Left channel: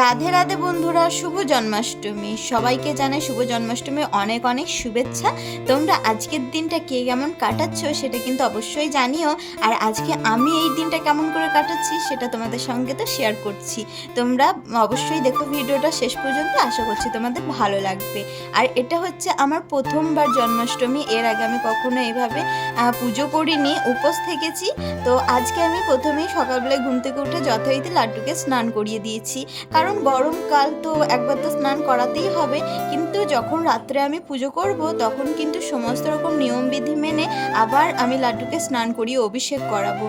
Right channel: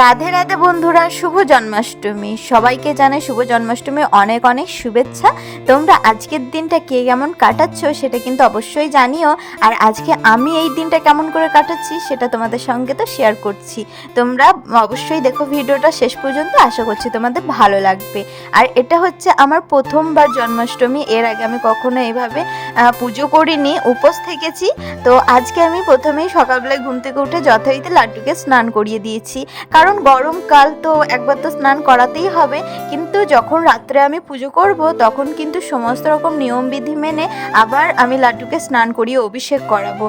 রাধে রাধে বন্ধুরা, শুভ জন্মাষ্টমী। সবাইকে জানাই শুভ জন্মাষ্টমী অনেক অনেক শুভেচ্ছা। তোমরা আজকের দিনটা কে কেমন কাটাচ্ছ সেটা কিন্তু অবশ্যই জানিও। আর আজকে আমি এই দিনটা কেমন করে কাটাচ্ছি সেটা তোমাদের সঙ্গে তো শেয়ার করছি। তোমরা অবশ্যই দেখো ভিডিওটা শেষ পর্যন্ত, আশা করছি তোমাদের ভালো লাগবে। আর এটা হচ্ছে আমার প্রথমবার জন্মাষ্টমী, এর আগে আমি কখনো এভাবে পুজো করিনি উপোস থেকেছি। তো আজকে আমি প্রথমেই সকালবেলায় ঘুম থেকে উঠে যথারীতি লাড্ডুকে স্নান করিয়ে দিয়েছি। কারণ গরমকাল তো একবার তো স্নান করাতেই হবে। কিন্তু যখন রাত্রে আমি পুজো করব, তখন কিন্তু সমস্ত রকম নিয়মবিধি মেনে আবার আমি লাড্ডুকে স্নান করিয়ে অভিষেক করাবো।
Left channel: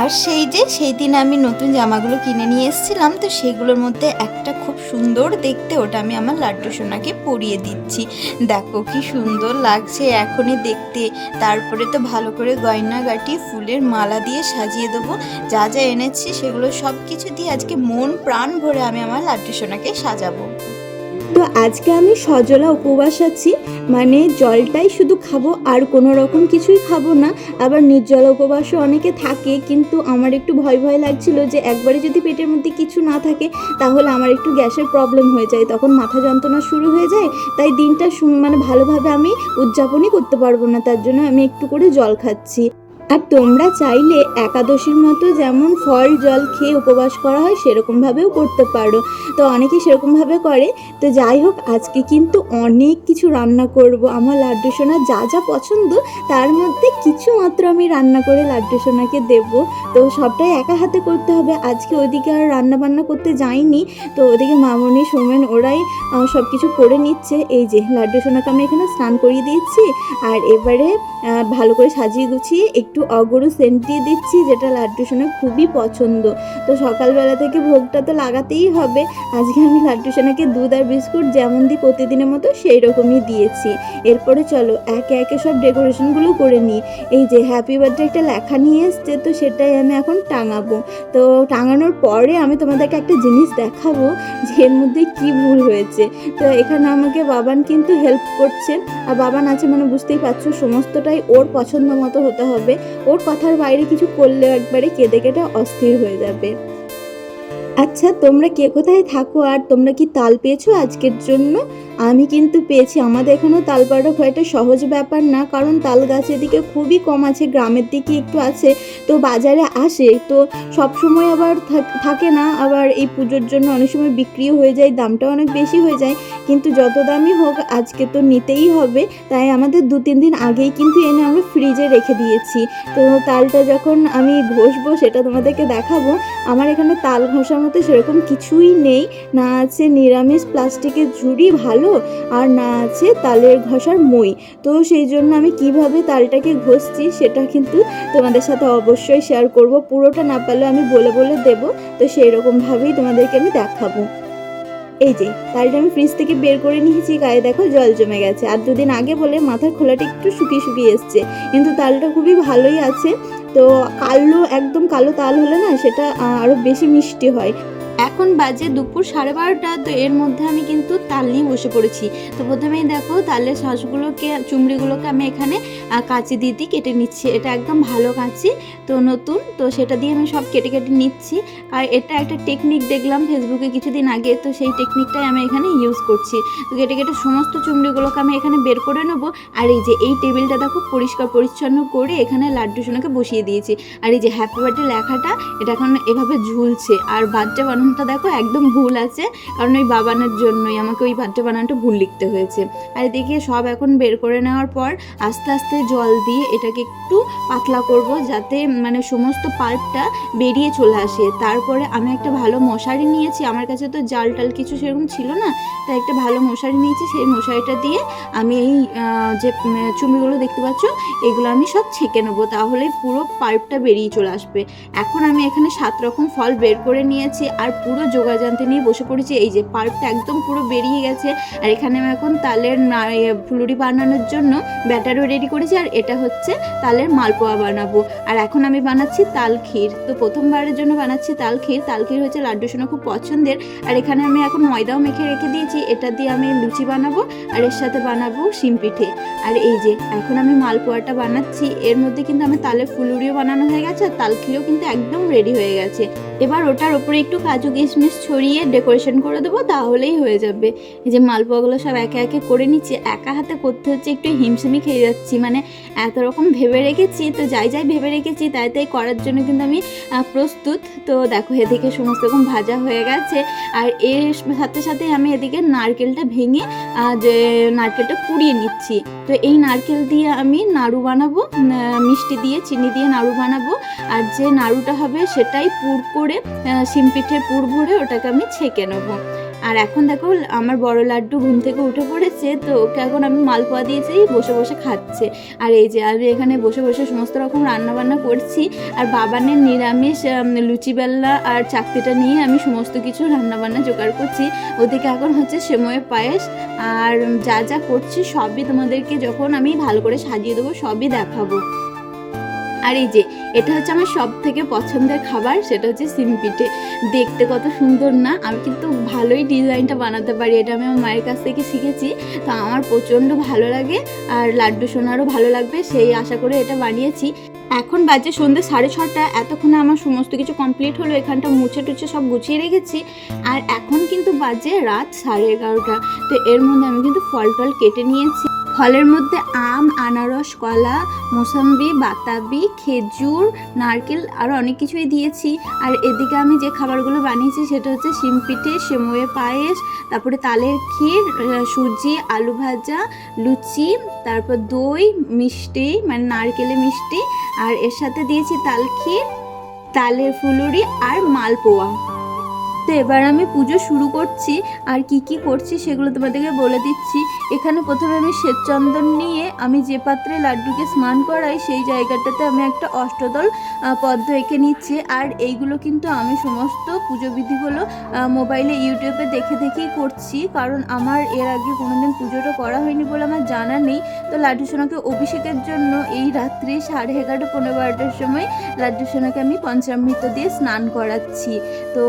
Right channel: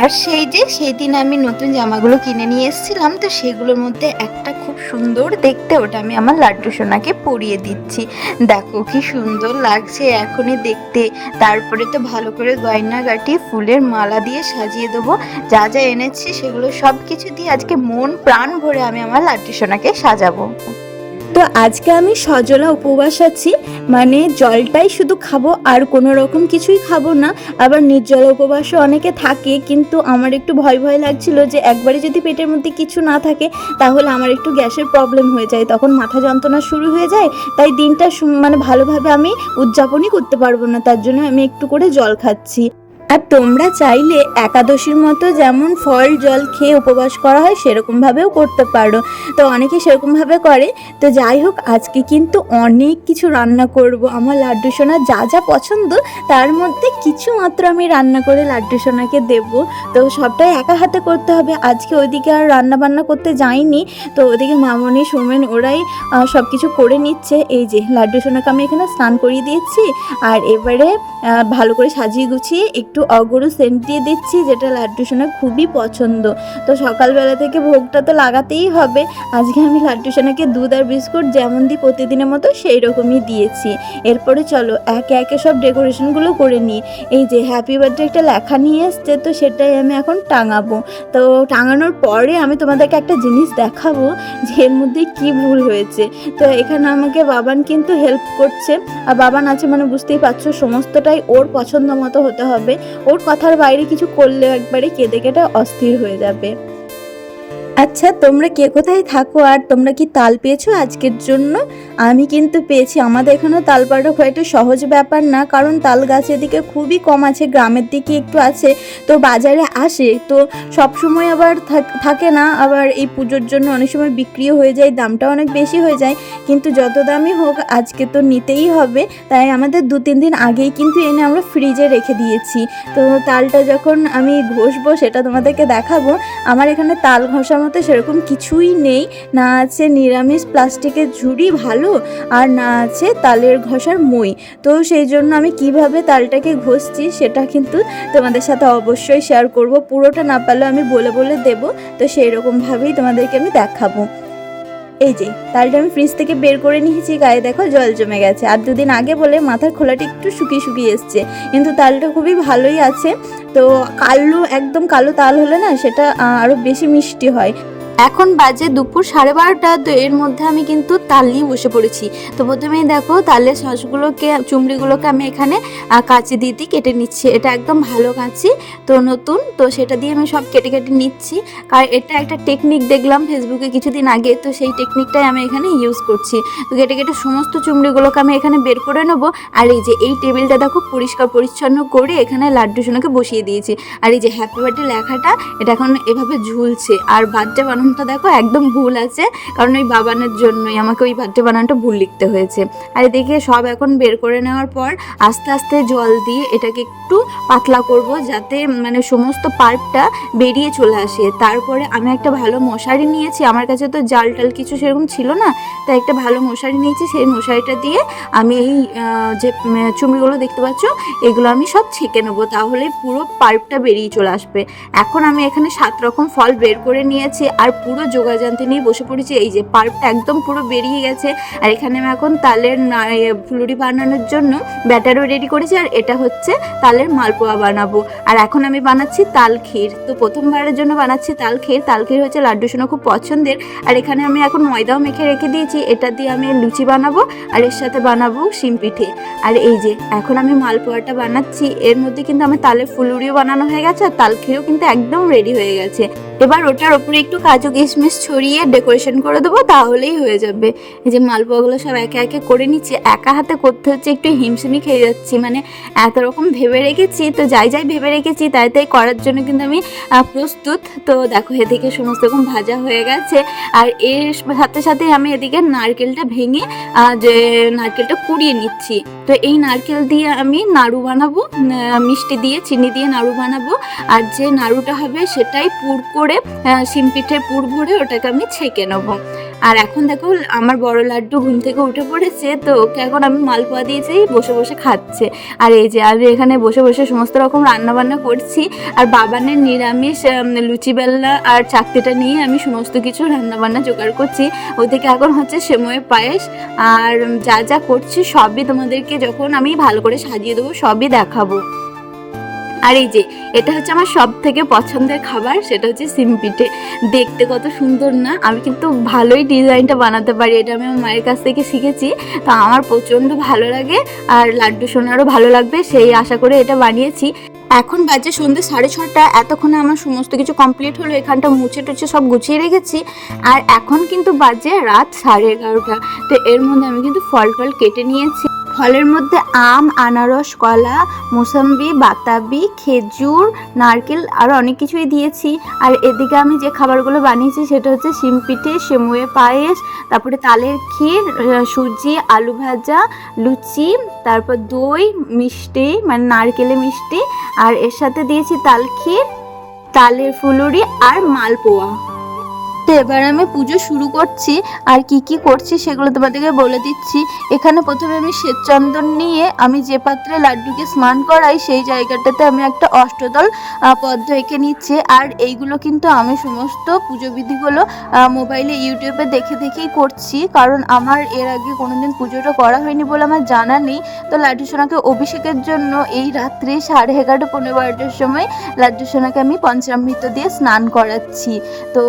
আর সেই যে, সেই দিন আমি নতুন জামাগুলো কিনে নিয়ে এসেছিলাম, তো সেগুলোর মধ্যে একটা খুব সুন্দর দেখতে, ওটা আমি আমার লাড্ডু সোনাকে পরিয়ে দিচ্ছি। দেখো কি সুন্দর লাগছে এখনই দেখতে। তারপরে তো ভালো করে গয়না গাটি ফুলের মালা দিয়ে সাজিয়ে দেবো। যা যা এনেছি সেগুলো সব কিছু দিয়ে আজকে মন প্রাণ ভরে আমি আমার লাড্ডু সোনাকে সাজাবো। তো আজকে আমি সজলা উপবাস আছি। মানে জলটাই শুধু খাব আর কোনো রকম কিছুই খাব না। আবার নির্জলা উপবাসও অনেকে থাকে, কিন্তু আমার একটু ভয় ভয় লাগছিল যে একবারে যদি পেটের মধ্যে কিছু না থাকে, তাহলে আমার একটু গ্যাসের প্রবলেম হয়ে যায়। তখন মাথা যন্ত্রণা শুরু হয়ে যায়, তাই দিনটা মানে ভালোভাবে আমি উদযাপনই করতে পারব না। তার জন্য আমি একটু করে জল খাচ্ছি। আর তোমরা চাইলে একাদশীর মতো যেমন ফল, জল খেয়ে উপবাস করা হয়, সেরকমভাবেও করতে পারো। তো অনেকে সেরকমভাবে করে। তো যাই হোক, আজকে কিন্তু অনেক কিছু রান্না করব। আমার লাড্ডু সোনা যা যা পছন্দ, তার মধ্যে কিছু মাত্র আমি রান্না করে লাড্ডু সোনাকে দেবো। তো সবটাই একা হাতে করতে হবে। আজকে ওইদিকে আর রান্না বান্না করতে যাইনি। তো ওদিকে মামনি, সোমেন, ওরাই সব কিছু করে নিচ্ছে। এই যে, লাড্ডু সোনাকে আমি এখানে স্নান করিয়ে দিয়েছি। আর এবারে ভালো করে সাজিয়ে গুছিয়ে একটু অগরু সেন্ট দিয়ে দিচ্ছি, যেটা লাড্ডু সোনা খুবই পছন্দ। তো সকালবেলা থেকে ভোগটা তো লাগাতেই হবে। আজকে আমি লাড্ডু সোনাকে দুধ আর বিস্কুট যেমন দিই প্রতিদিনের মতো সেই রকমই দিয়েছি। এরপরে চলো, একে একে সব ডেকোরেশনগুলো করে নিই। এই যে হ্যাপি বার্থডে একটা লেখা নিয়ে এসছে, তো সেটাই আমি এখন টাঙাবো। তো টাঙানোর পরে আমি তোমাদেরকে একটা জিনিস দেখাবো, যে এর মধ্যে কী ভুল হয়েছে। তো এখানে আমাকে বাবান কিন্তু হেল্প করছে। আর বাবান আছে মানে বুঝতেই পারছ, সমস্তটাই ওর পছন্দ মতো হতে হবে। ওর কথার বাইরে কিছু করলে একবারে কেঁদে কেটে অস্থির হয়ে যাবে। আচ্ছা তোমরা কে কোথায় থাকো আর তোমরা কি তাল পেয়েছ আজকের জন্য? আমি কিন্তু পেয়েছি। আমাদের এখানে তাল পাড়া হয়তো সহজ ব্যাপার না, কারণ তাল গাছ এদিকে খুবই কম আছে, গ্রামের দিকে একটু আছে, তো বাজারে আসে, তো সব সময় আবার থাক- না। আবার এই পুজোর জন্য অনেক সময় বিক্রিও হয়ে যায় দামটা অনেক বেশি হয়ে যায়, কিন্তু যত দামই হোক, আজকে তো নিতেই হবে, তাই আমাদের দু, তিন দিন আগেই কিন্তু এনে আমরা ফ্রিজে রেখে দিয়েছি। তো তালটা যখন আমি ঘষবো, সেটা তোমাদেরকে দেখাবো। আমার এখানে তাল ঘষার মতো সেরকম কিছুই নেই। না আছে নিরামিষ প্লাস্টিকের ঝুড়ি ভালো, আর না আছে তালের ঘষার মই। তো সেই জন্য আমি কীভাবে তালটাকে ঘষছি সেটা কিন্তু তোমাদের সাথে অবশ্যই শেয়ার করব। পুরোটা না পারলেও আমি বলে বলে দেব। তো সেই রকমভাবেই তোমাদেরকে আমি দেখাবো। এই যে, তালটা আমি ফ্রিজ থেকে বের করে নিয়েছি। গায়ে দেখো জল জমে গেছে। আর দুদিন আগে বলে মাথার খোলাটা একটু শুকিয়ে শুকিয়ে এসছে। কিন্তু তালটা খুবই ভালোই আছে। তো কালো একদম কালো তাল হলে না সেটা আরও আরও বেশি মিষ্টি হয়। এখন বাজে দুপুর সাড়ে বারোটা, তো এর মধ্যে আমি কিন্তু তাল নিয়ে বসে পড়েছি। তো প্রথমেই দেখো তালের শাঁসগুলোকে চুমড়িগুলোকে আমি এখানে কাঁচি দিয়ে দিয়ে কেটে নিচ্ছি। এটা একদম ভালো কাঁচি, তো নতুন, তো সেটা দিয়ে আমি সব কেটে কেটে নিচ্ছি। আর এটা একটা টেকনিক দেখলাম ফেসবুকে কিছুদিন আগে, তো সেই টেকনিকটাই আমি এখানে ইউজ করছি। তো কেটে কেটে সমস্ত চুমড়িগুলোকে আমি এখানে বের করে নেব। আর এই যে এই টেবিলটা দেখো পরিষ্কার পরিচ্ছন্ন করে এখানে লাড্ডু সোনাকে বসিয়ে দিয়েছি। আর এই যে হ্যাপি বার্থডে লেখাটা, এটা এখন এভাবে ঝুলছে। আর বার্থডে বানানোটা দেখো একদম ভুল আছে। কারণ ওই বাবানের জন্যই আমাকে ওই বার্থডে বানানোটা ভুল লিখতে হয়েছে। আর এদিকে সব এখন বের করে নেওয়ার পর আস্তে আস্তে জল দিয়ে এটাকে একটু পাতলা করব যাতে মানে সমস্ত পার্টটা বেরিয়ে চলে আসে। তারপরে আমি একটা ভালো মশারি নিয়েছি। আমার কাছে তো জাল টাল কিছু সেরকম ছিল না তাই একটা ভালো মশারি নিয়েছি। সেই মশারিটা দিয়ে আমি এই যে উম, চুমড়িগুলো দেখতে পাচ্ছ এগুলো আমি সব ছেঁকে নেব তাহলে পুরো পাল্পটা বেরিয়ে চলে আসবে। এখন আমি এখানে সাত রকম ফল বের করে নিয়েছি। আর পুরো যোগাযান্ত্রে নিয়ে বসে পড়েছি। এই যে পাল্পটা একদম পুরো বেরিয়ে গেছে। আর এখানে আমি এখন তালের ফুলুরি বানানোর জন্য ব্যাটারও রেডি করেছি। আর এটা হচ্ছে তালের মালপোয়া বানাবো। আর এখন আমি বানাচ্ছি তাল ক্ষীর। তো প্রথমবারের জন্য বানাচ্ছি তাল ক্ষীর। তাল ক্ষীর হচ্ছে লাড্ডু সোনা খুব পছন্দের। আর এখানে আমি এখন ময়দাও মেখে রেখে দিয়েছি। এটা দিয়ে আমি লুচি বানাবো। আর এর সাথে বানাবো শিম পিঠে। আর এই যে এখন আমি মালপোয়াটা বানাচ্ছি। এর মধ্যে কিন্তু আমার তালের ফুলুরিও বানানো হয়ে গেছে। আর তাল ক্ষীরও কিন্তু একদম রেডি হয়ে গেছে। এবার ওটার ওপরে একটু কাজু কিশমিশ ছড়িয়ে ডেকোরেশন করে দেবো, তাহলেই হয়ে যাবে। এই যে মালপোয়াগুলো সব একে একে করে নিচ্ছি, একা হাতে করতে হচ্ছে একটু হিমশিমি খেয়ে যাচ্ছি মানে এত রকম ভেবে রেখেছি, তো যাই যাই ভেবে রেখেছি, তাই তাই করার জন্য কিন্তু আমি প্রস্তুত। তো দেখো, এদিকে সমস্ত রকম ভাজা হয়ে গেছে, আর এর সাথে সাথে আমি এদিকে নারকেলটা ভেঙে যে নারকেলটা কুড়িয়ে নিচ্ছি। তো এই নারকেল দিয়ে আমি নাড়ু বানাবো মিষ্টি দিয়ে, চিনি দিয়ে নাড়ু বানাবো, আর যে নাড়ুটা হবে সেটাই পুর করে শিম পিঠে পুর ভরে ওটাকে আমি ছেঁকে নেব। আর এখন দেখো, আমার বড় লাড্ডু ঘুম থেকে উঠে পড়েছে, তো ওকে এখন আমি মালপোয়া দিয়েছি বসে বসে খাচ্ছে। আর এই যে, আমি এখানে বসে বসে সমস্ত রকম রান্না বান্না করছি, আর বাবানের নিরামিষ লুচি বেল্লা আর চাকতিটা নিয়ে আমি সমস্ত কিছু রান্না বান্না জোগাড় করছি। ওদিকে এখন হচ্ছে সেময়ের পায়েস, আর যা যা করছি সবই তোমাদেরকে যখন আমি ভালো করে সাজিয়ে দেবো, সবই দেখাবো। আর এই যে এটা হচ্ছে আমার সব থেকে পছন্দের খাবার, সেটা হচ্ছে সিম পিঠে। দেখতে কত সুন্দর না? আমি কিন্তু ভালোই ডিজাইনটা বানাতে পারি, এটা আমি আমার মায়ের কাছ থেকে শিখেছি। তো আমার প্রচণ্ড ভালো লাগে আর লাড্ডু সোনারও ভালো লাগবে, সেই আশা করে এটা বানিয়েছি। এখন বাজে সন্ধ্যে সাড়ে ছটা, এতক্ষণে আমার সমস্ত কিছু কমপ্লিট হলো, এখানটা মুছে টুছে সব গুছিয়ে রেখেছি। আর এখন কিন্তু বাজে রাত সাড়ে এগারোটা, তো এর মধ্যে আমি কিন্তু ফল টল কেটে নিয়েছি। ফলের মধ্যে আম, আনারস, কলা, মোসাম্বি, বাতাবি, খেজুর, নারকেল আরও অনেক কিছুই দিয়েছি। আর এদিকে আমি যে খাবারগুলো বানিয়েছি সেটা হচ্ছে শিম পিঠে, সেমুয়ে পায়েস, তারপরে তালের ক্ষীর সুজি, আলু ভাজা, লুচি, তারপর দই, মিষ্টি মানে নারকেলে মিষ্টি, আর এর সাথে দিয়েছি তাল ক্ষীর, তালের ফুলুরি আর মালপোয়া। তো এবার আমি পুজো শুরু করছি। আর কি কি করছি সেগুলো তোমাদেরকে বলে দিচ্ছি। এখানে প্রথমে আমি শ্বেতচন্দন নিয়ে আমি যে পাত্রে লাড্ডুকে স্নান করাই, সেই জায়গাটাতে আমি একটা অষ্টদল পদ্ম এঁকে নিচ্ছে। আর এইগুলো কিন্তু আমি সমস্ত পুজো বিধিগুলো মোবাইলে, ইউটিউবে দেখে দেখেই করছি। কারণ আমার এর আগে কোনোদিন পুজোটা করা হয়নি বলে আমার জানা নেই। তো লাড্ডু সোনাকে অভিষেকের জন্য এই রাত্রে সাড়ে এগারোটা, পনেরো, বারোটার সময় লাড্ডু সোনাকে আমি পঞ্চামৃত দিয়ে স্নান করাচ্ছি। তো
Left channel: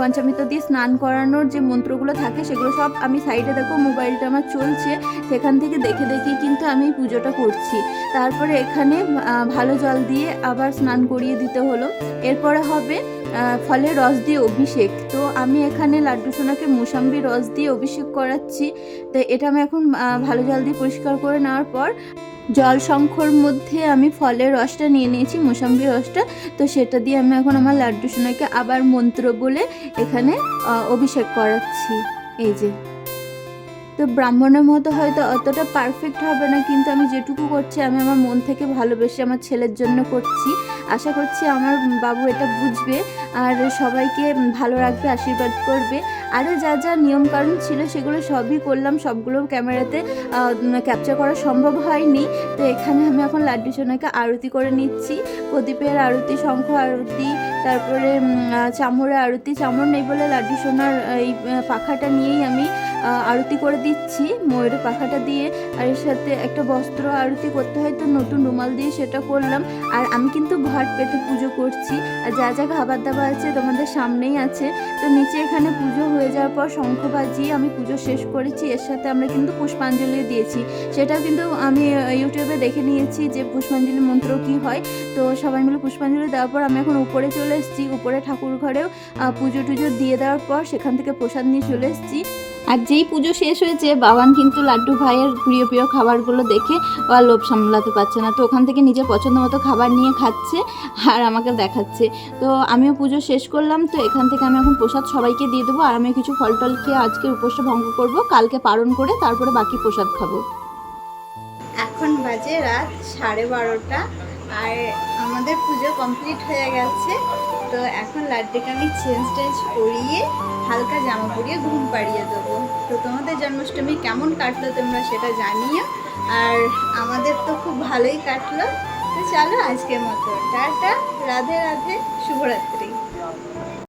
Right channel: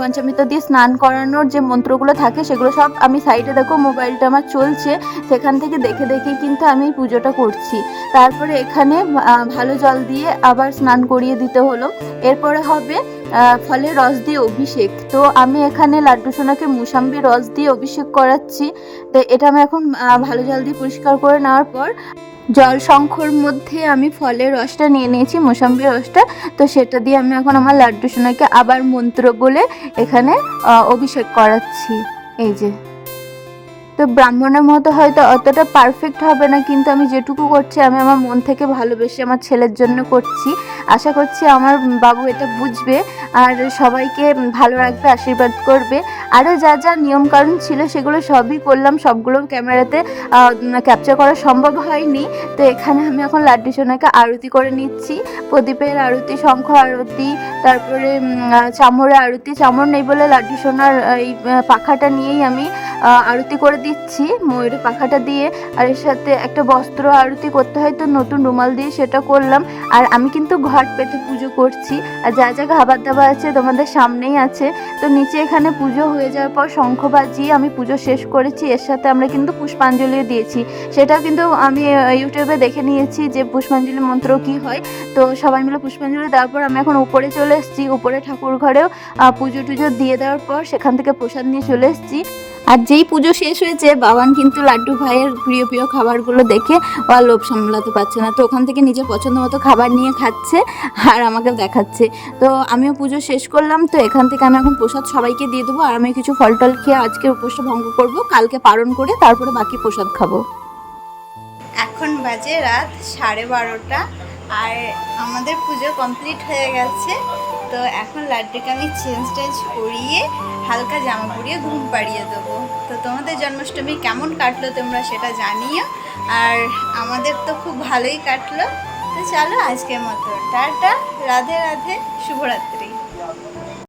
পঞ্চামৃত দিয়ে স্নান করানোর যে মন্ত্রগুলো থাকে, সেগুলো সব আমি সাইডে দেখো, মোবাইলটা আমার চলছে। সেখান থেকে দেখে দেখেই কিন্তু আমি পুজোটা করছি। তারপরে এখানে ভালো জল দিয়ে আবার স্নান করিয়ে দিতে হলো। এরপরে হবে ফলে রস দিয়ে অভিষেক। তো আমি এখানে লাড্ডু সোনাকে মুসাম্বি রস দিয়ে অভিষেক করাচ্ছি। তো এটা আমি এখন ভালো জল দিয়ে পরিষ্কার করে নেওয়ার পর জল শঙ্খর মধ্যে আমি ফলের রসটা নিয়ে নিয়েছি মোসাম্বি রসটা। তো সেটা দিয়ে আমি এখন আমার লাড্ডু সোনাকে আবার মন্ত্র বলে এখানে অভিষেক করাচ্ছি। এই যে। তো ব্রাহ্মণের মতো হয়তো অতটা পারফেক্ট হবে না, কিন্তু আমি যেটুকু করছি, আমি আমার মন থেকে ভালোবেসে আমার ছেলের জন্য করছি। আশা করছি আমার বাবু এটা বুঝবে আর সবাইকে ভালো রাখবে, আশীর্বাদ করবে। আরও যা যা নিয়মকানুন ছিল সেগুলো সবই করলাম, সবগুলো ক্যামেরাতে ক্যাপচার করা সম্ভব হয়নি। তো এখানে আমি এখন লাড্ডু সোনাকে আরতি করে নিচ্ছি। প্রদীপের আরতি, শঙ্খ আরতি, তারপরে চামরের আরতি। চামর নেই বলে লাড্ডু সোনার এই পাখাটা নিয়েই আমি আরতি করে দিচ্ছি। ময়ূরের পাখাটা দিয়ে। আর এর সাথে একটা বস্ত্র আরতি করতে হয়। তো নতুন রুমাল দিয়ে সেটা করলাম। আর আমি কিন্তু ঘট পেতে পুজো করছি। আর যা যা খাবার দাবার আছে তোমাদের সামনেই আছে। তো নিচে এখানে পুজো হয়ে যাওয়ার পর শঙ্খ বাজিয়ে আমি পুজো শেষ করেছি। এর সাথে আমরা কিন্তু পুষ্পাঞ্জলিও দিয়েছি। সেটা কিন্তু আমি ইউটিউবে দেখে নিয়েছি যে পুষ্পাঞ্জলি মন্ত্র কি হয়। তো সবাই মিলে পুষ্পাঞ্জলি দেওয়ার পর আমি এখন উপরে চলে এসেছি। উপরে ঠাকুর ঘরেও পুজো টুজো দিয়ে দেওয়ার পর সেখান থেকে প্রসাদ নিয়ে চলে এসেছি। আর যেই পুজো শেষ হয়েছে, বাবান কিন্তু লাড্ডু ভাইয়ের প্রিয় প্রিয় খাবারগুলো দেখে ও লোভ সামলাতে পারছে না। তো ওখান থেকে নিজের পছন্দ মতো খাবার নিয়ে খাচ্ছে আর আমাকে দেখাচ্ছে। তো আমিও পুজো শেষ করলাম, তো এখান থেকে আমি এখন প্রসাদ সবাইকে দিয়ে দেবো আর আমি কিছু ফল টল খেয়ে আজকে উপোসটা ভঙ্গ করব, কালকে পালন করে তারপরে বাকি প্রসাদ খাব। এখন বাজে রাত সাড়ে বারোটা। আর আমাদের পুজো কমপ্লিট হয়ে গেছে। তো এখন লাড্ডুকে আমি চেঞ্জ টেঞ্জ করিয়ে হালকা জামা পরিয়ে ঘুম পাড়িয়ে দেবো। তো তোমাদের জন্মাষ্টমী কেমন কাটলো তোমরা সেটা জানিও। আর আমাদের তো খুব ভালোই কাটলো। তো চলো আজকের মতো, টাটা, রাধে রাধে, শুভরাত্রি।